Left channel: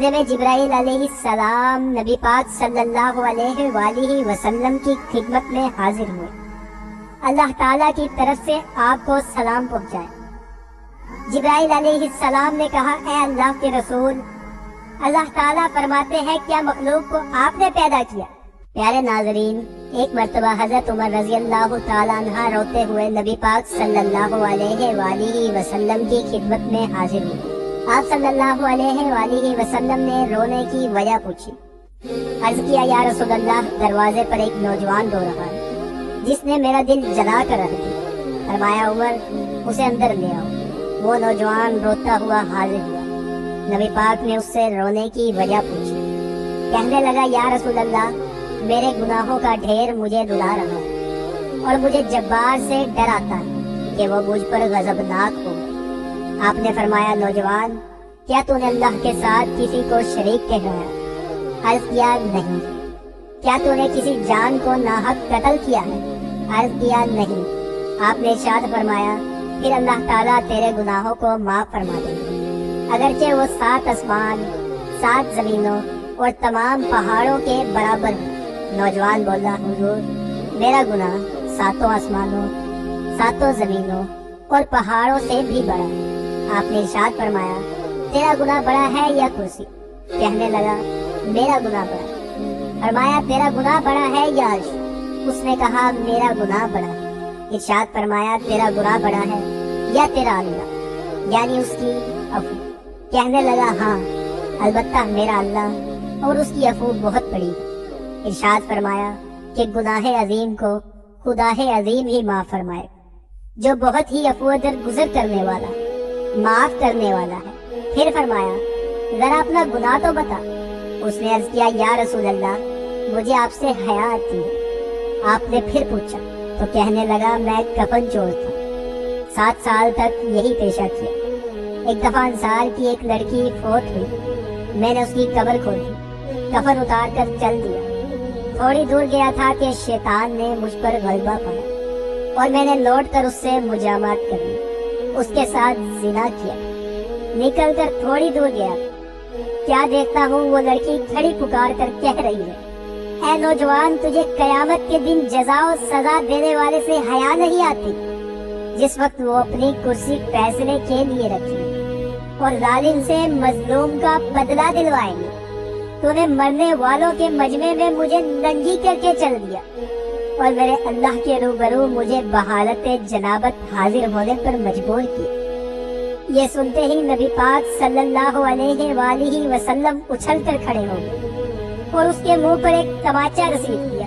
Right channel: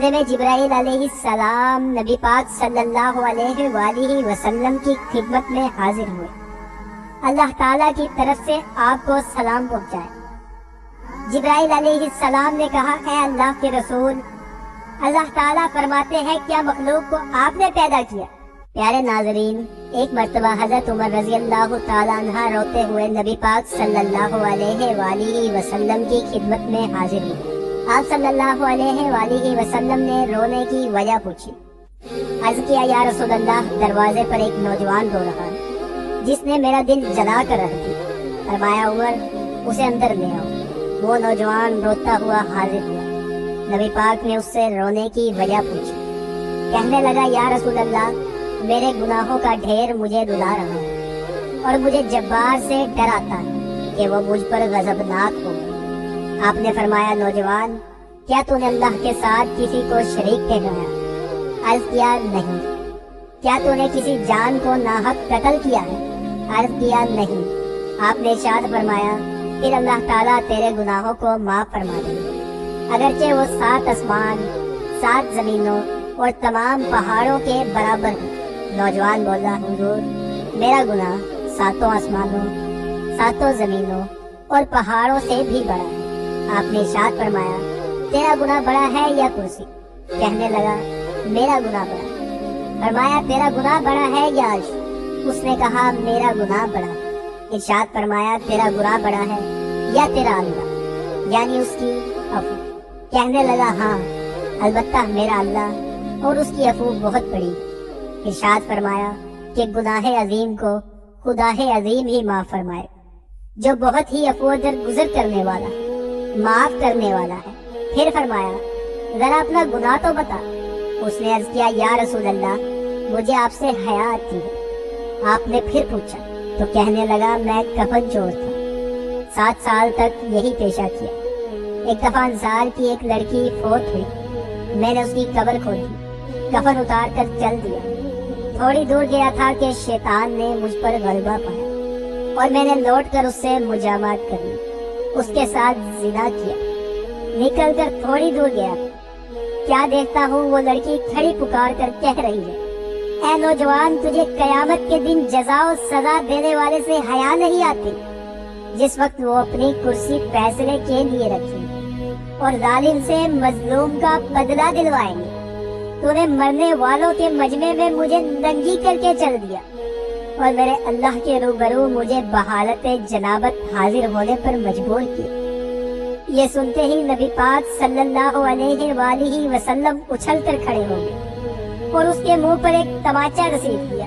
इतने में जिब्राइल अलैहिस्सलाम नबी पाक सल्लल्लाहु अलैहि वसल्लम की खिदमत में हाजिर हुए। अल्लाह ताला की तरफ से आपको सलाम पहुंचाए। जिब्राइल अलैहिस्सलाम ने कहा, ऐ अल्लाह के रसूल, अल्लाह ताला फरमाते हैं क्या मखलूक को आपने पैदा किया? प्यारे नाज़रीन, एक मर्तबा हज़रत उमर रज़ी अल्लाह ताला अन्हा रोते हुए नबी पाक सल्लल्लाहु अलैहि वसल्लम की खिदमत में हाजिर हुए। आप सल्लल्लाहु अलैहि वसल्लम ने रोने की वजह पूछी। अर्ज़ किया, या रसूल अल्लाह, दरवाजे पर एक नौजवान रो रहा है जिसने मेरा दिल जला कर रख दिया। फरमाया, उमर, उसे अंदर ले आओ। वो नौजवान रोता हुआ हाजिर हुआ। नबी पाक ने उससे रोने की वजह पूछी। कहने लगा, या रसूल अल्लाह, मेरे गुनाहों का ढेर मुझे रुला रहा है और मुझे जब्बार से डर आता है कि वो मुझ पर गज़बनाक हो। आपने फरमाया, नौजवान, क्या तूने अल्लाह के साथ किसी को शरीक ठहराया? अर्ज़ किया, नहीं। क्या तूने किसी जान को नाहक कत्ल किया है? अर्ज़ किया, नहीं। आपने इरशाद फरमाया, फिर अल्लाह ताला तेरे गुनाहों को माफ फरमा देगा, अगरचे वो 7 आसमान, 7 जमीनों और तमाम पहाड़ों के बराबर है। नौजवान बोला, हुजूर, मेरा गुनाह 7 आसमानों, 7 जमीनों और पहाड़ों से भी बड़ा है। आपने इरशाद फरमाया, तेरा गुनाह बड़ा है या कुर्सी? कहने लगा, मेरा गुनाह बड़ा है। फरमाया, तेरा गुनाह बड़ा है या अर्श? उसने कहा, मेरा गुनाह बड़ा है। इरशाद फरमाया, तेरा गुनाह बड़ा है या तेरा अल्लाह, यानी उसकी अफू? कहने लगा, हाँ, अलबत्ता मेरा अल्लाह और उसकी अफू बहुत बड़ी। इरशाद फरमाया कि गुनाहे अजीम को खुदाहे अजीम ही माफ फरमाए, जो बहुत ही अफू गुजर करने वाला, माफ करने वाला है। फिर फरमाया, जरा अपना गुनाह तो बता। उसने अर्ज किया, या रसूल अल्लाह, मुझे आपसे हया आती है। आपने फिर पूछा तो कहने लगा, मैं कफन चोर था, 7 साल तक यही पेशा किया। एक दफा अंसार की एक लड़की फोत हुई, मैंने उसकी कब्र खोदी, कफन उतार कर चल दिया। थोड़ी दूर गया था कि शैतान ने मुझ पर गलबा किया और मैंने लौट कर उससे मुजामत करी, उसके साथ जिना किया। निकल कर थोड़ी दूर गया, क्या देखता हूँ वो लड़की खड़ी पुकार कर कह रही है, ऐ नौजवान, तुझे कयामत के दिन जज़ा और सजा देने वाले से हया नहीं आती? जिस वक्त वो अपनी कुर्सी फैसले के लिए रखी और जालिम से मजलूम का बदला दिलवाएंगे, तूने मरने वालों के मजमे में मुझे नंगी करके चल दिया और मेरे अल्लाह के रूबरू मुझे बहालत जनाबत हाजिर होने पर मजबूर किया। ये सुनते ही नबी पाक सल्लल्लाहु अलैहि वसल्लम उछल कर खड़े हो गए और उसके मुंह पर एक तमाचा रसीद किया।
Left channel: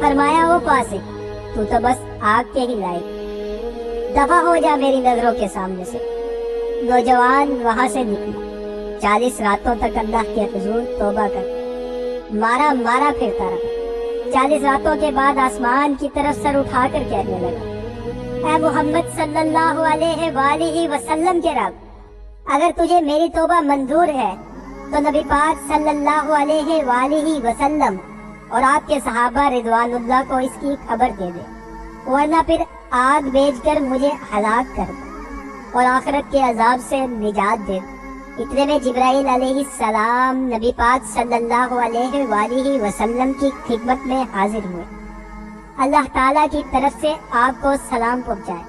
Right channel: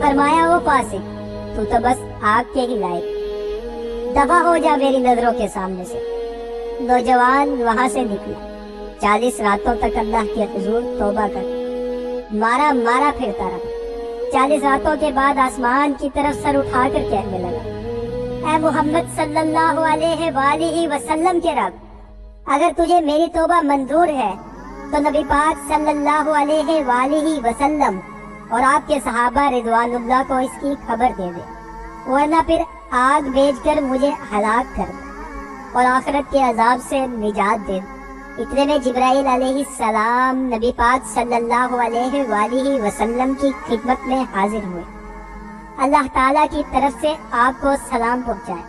फरमाया, ओ फासिक, तू तो बस आग के ही लायक, दफा हो जा मेरी नजरों के सामने से। नौजवान वहां से निकला, 40 रातों तक अल्लाह के हुजूर तौबा कर मारा मारा फिरता रहा। 40 रातों के बाद आसमान की तरफ सर उठाकर कहने लगा, ऐ मोहम्मद सल्लल्लाहु अलैहि वसल्लम के रब, अगर तुझे मेरी तौबा मंजूर है तो नबी पाक सल्लल्लाहु अलैहि वसल्लम और आपके सहाबा रिजवानुल्लाह को इसकी खबर दे दे, वरना फिर आग बेचकर मुझे हलाक कर और आखिरत के अजाब से निजात दे। इतने में जिब्राइल अलैहिस्सलाम नबी पाक सल्लल्लाहु अलैहि वसल्लम की खिदमत में हाजिर हुए। अल्लाह ताला की तरफ से आपको सलाम पहुंचाए।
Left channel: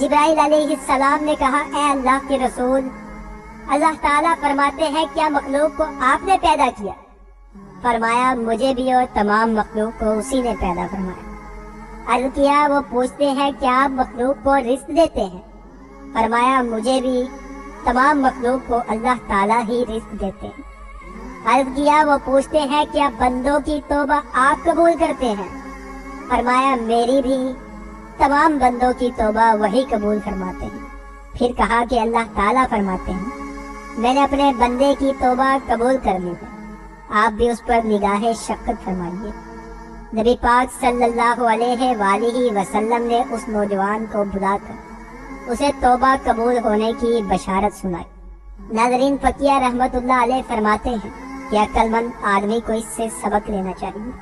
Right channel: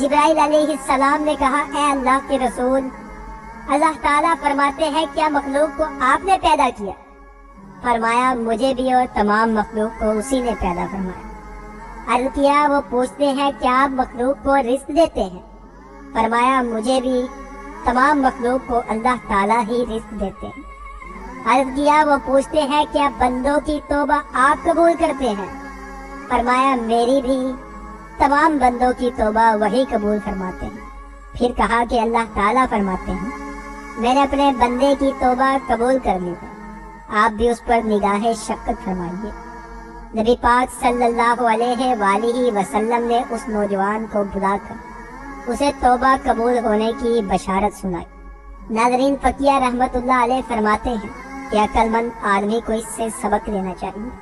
जिब्राइल अलैहिस्सलाम ने कहा, ऐ अल्लाह के रसूल, अल्लाह ताला फरमाते हैं क्या मखलूक को आपने पैदा किया? फरमाया, मुझे भी और तमाम मखलूक को उसी ने पैदा फरमाया। अर्ज़ किया, वो पूछते हैं क्या आप मखलूक को रिज़्क़ देते हैं? फरमाया, मुझे भी तमाम मखलूक को अल्लाह ताला ही रिज़्क़ देते हैं। अर्ज़ किया, वो पूछते हैं क्या बंदों की तौबा आप कबूल करते हैं? फरमाया, मेरी भी तमाम बंदों की तौबा वही कबूल फरमाते हैं। फिर कहा कि अल्लाह ताला फरमाते हैं, मैंने अपने बंदे की तौबा कबूल कर ली, आप भी उस पर निगाहे शफ़क़त फरमाइए। नबी पाक सल्लल्लाहु अलैहि वसल्लम ने उस नौजवान को बुलाकर उसे तौबा कबूल होने की बशारत सुनाई। नाज़रीन, फ़कीह रहमतुल्लाह अलैह फरमाते हैं कि अक्लमंद आदमी को इससे सबक लेना चाहिए।